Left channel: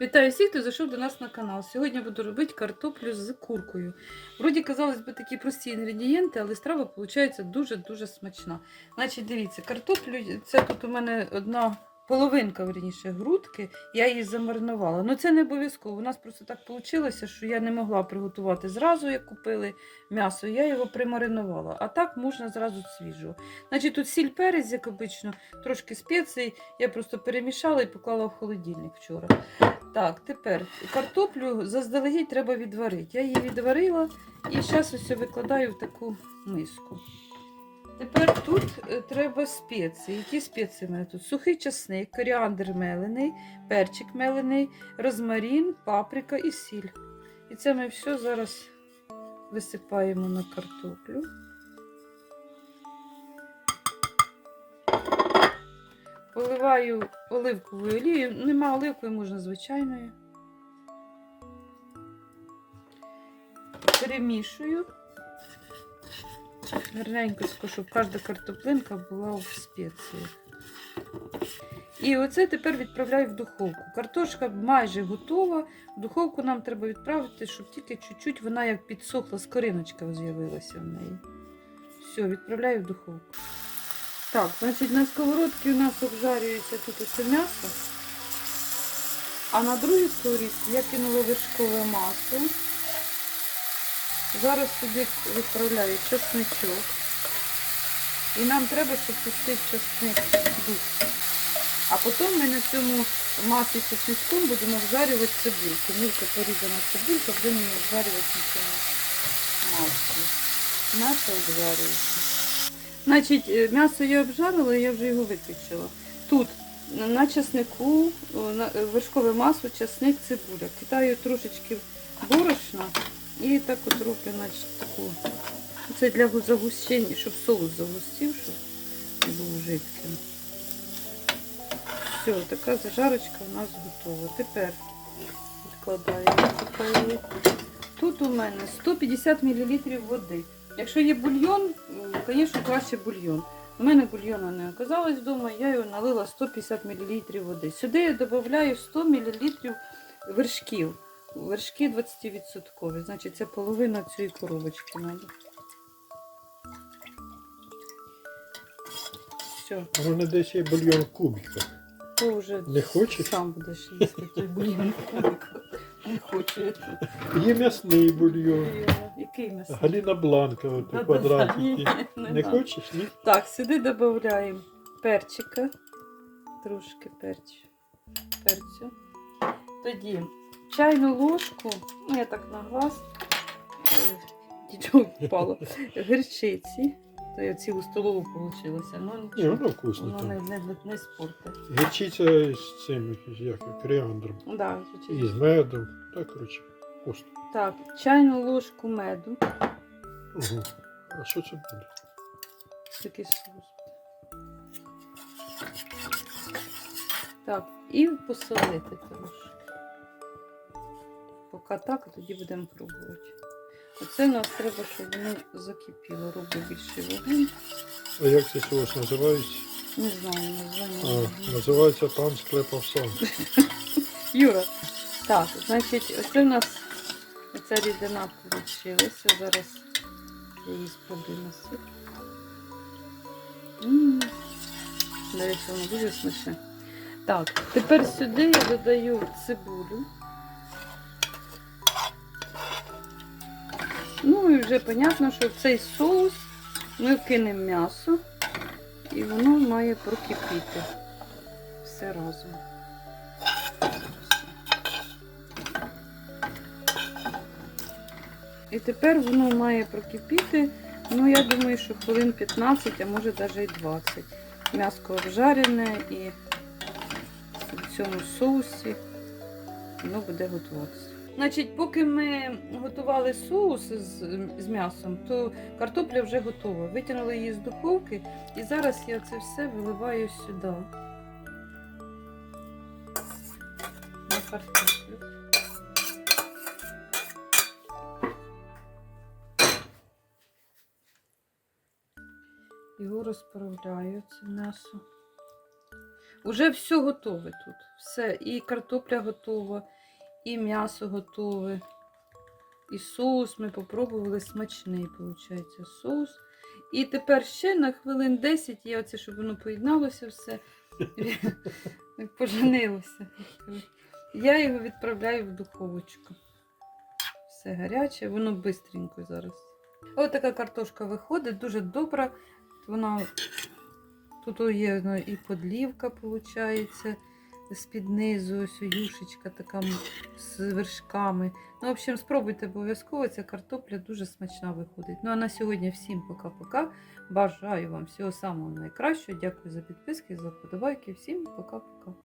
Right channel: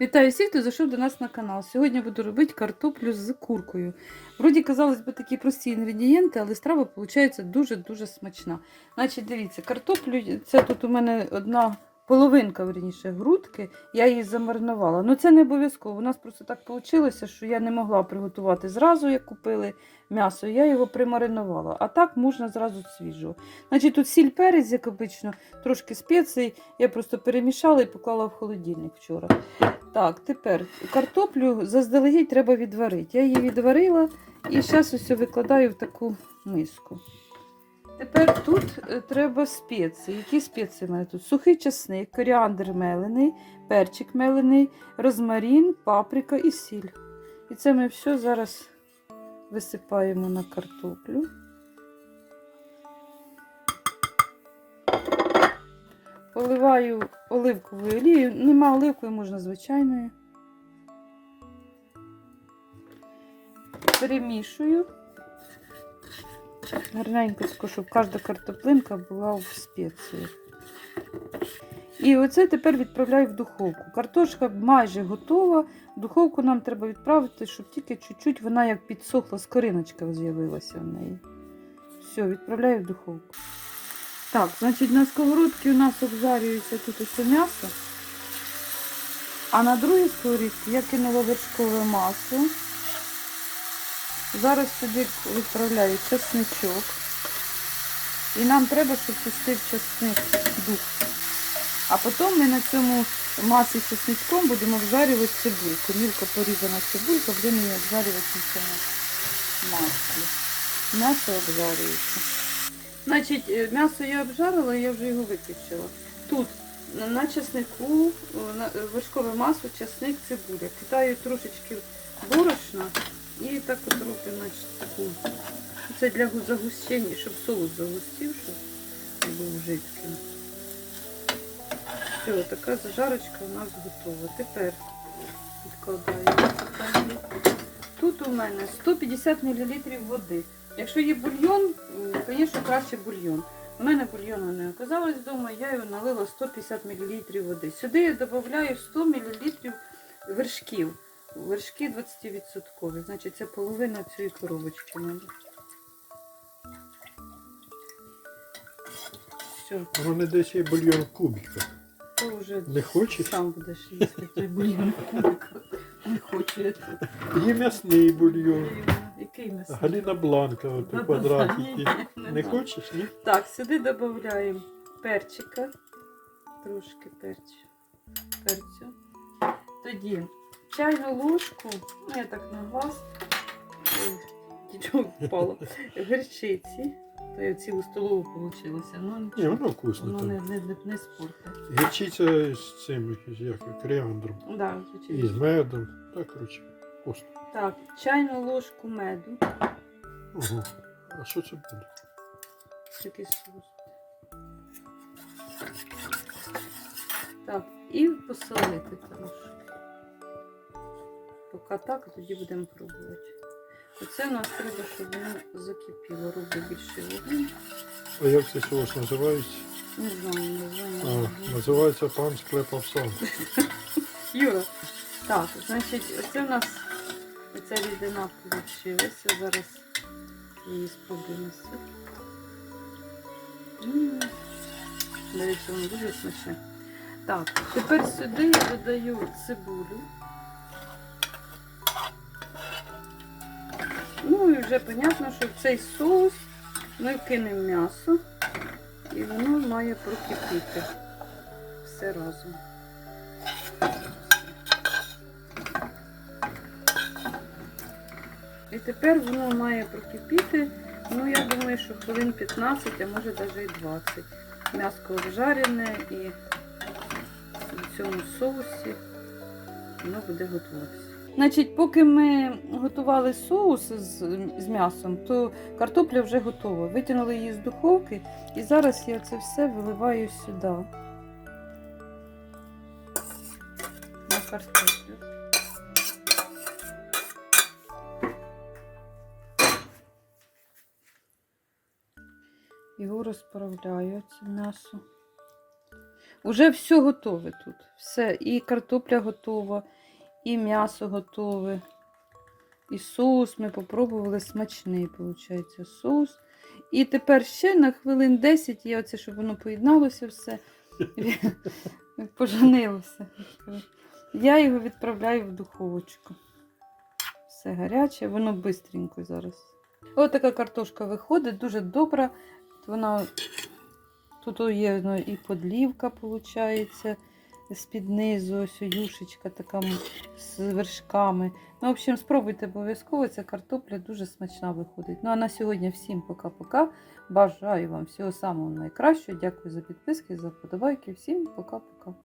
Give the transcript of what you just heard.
Вітаю всіх, хто зайшов до нас на канал. Сьогодні буду робити картоплю з куркою. Вроді, казалось би, такі прості інгредієнти, але страва виходить дуже-дуже смачна. Значить, дивіться, картоплю, це тут у мене одна половинка, верніше, грудки, я її замаринувала. Ну це не обов'язково. У нас просто так вийшло, що я не могла приготувати зразу, як купили м'ясо, я його примаринувала. А так можна зразу свіжого. Значить, тут сіль перець, як обично, трошки спецій. Я просто перемішала і поклала в холодильник вчора. Так, тепер картоплю заздалегідь треба відварити. Я її відварила і зараз ось викладаю в таку миску. Тепер тут е, треба спеції. Які спеції в мене тут? Сухий часник, коріандр мелений, перчик мелений, розмарин, паприка і сіль. І це ми все зараз висипаємо на картоплю. Поливаю оливковою олією. Нема оливкової, можна звичайною. Перемішую. Гарненько, щоб кожна картоплинка була в спеції. І оце тепер відправляю в духовку. Картошка майже готова. Духовку нам треба відправити, щоб тільки чуть-чуть вона як підсохла, скориночка з'явилася в неї. Все, відправляю в духовку. Так, значить на сковородці у нас обжарюється тут усе м'ясо. А на другій сковорідці я кинула вершкове масло. Зараз сюди відправляю чесничок. І нам треба, щоб пустив чесник дух. А потім ми на цьому маслі з чесничком будемо обжарювати цибульку. Мілко порізана цибулька, будемо її обжарювати на цьому маслі. М'ясо обжарюється. Значить, е, м'ясо я обжарила, я вже його виключила. Тут на чеснику о, на- е, вершкове масло, чесник, цибуля. Кидаю трошечки борошна і так от значить, таку. Це для загущення, щоб соус загустів, щоб не був жидким. Все, така зажарочка у нас готова. Тепер відкладаємо. Тут у мене 150 мл води. Якщо є бульйон, звісно, краще бульйон. У мене бульйону не оказалось вдома, я його налила 150 мл води. Сюди я додаю 100 мл вершків. Вершки 20%. Значить, це половина цієї коробочки надо. Все, мене десь є бульйон в кубиках. то вже Не хочеш? сам будеш їсти той бульйон. Не хочу я тут. Є м'ясний бульйон. Який м'ясо? Галіна Бланка, от у квадратики. Не хочеш, ні? Так, сюди додаємо перчика. Трошки перцю. перцю. Тоді чайну ложку, ну я так на глаз, нічого впало, гірчиці. То я цілу столову вийшло. Ну, Ні, воно вкусно Ну, там. не, не, не, не спорте. Гірчиця з цим, як коріандром. Да, І з медом. Так, коротше, вкусно. Так, чайну ложку меду. Угу. А що це буде? Такий соус. Так, і посолити трошки. Поки так, тоді будемо пробувати. Оце у нас треба, щоб воно закипіло. Роблю більше води. А як цей соус називається? Не знаю, не А, називається пан склепав сам. Юра. Так, значить, оце у нас оця рідина вийшла. Зараз її спробую насити. До речі, воно дуже смачне. Так, тепер сюди я додаю цибулю. Ну і вже зрозуміло, що в цей соус ми кинемо м'ясо і воно має прокипіти все разом. І тепер воно має прокипіти. Ну, я думаю, що хвилин 15, а може навіть і 20. М'яско обжарене і в цьому соусі воно буде готуватися. Значить, поки ми готували соус з, з м'ясом, то картопля вже готова. Витягнули її з духовки і зараз я це все виливаю сюди. На картоплю. Його розправляю це м'ясо. Уже все готове тут. Все. І картопля готова, і м'ясо готове. І соус ми попробували смачний, виходить, соус. І тепер ще на хвилин 10 є оце, щоб воно поєдналося все. Поженилося. Я його відправляю в духовочку. Все гаряче, воно бистренько зараз. Ось така картошка виходить, дуже добра. Вона тут є ну, і подлівка, виходить, з-під низу, ось юшечка така з вершками. Ну, в общем, спробуйте обов'язково, ця картопля дуже смачна виходить. Ну а на сьогодні всім пока-пока. Бажаю вам всього самого найкращого. Дякую за підписки, за вподобайки. Всім пока-пока.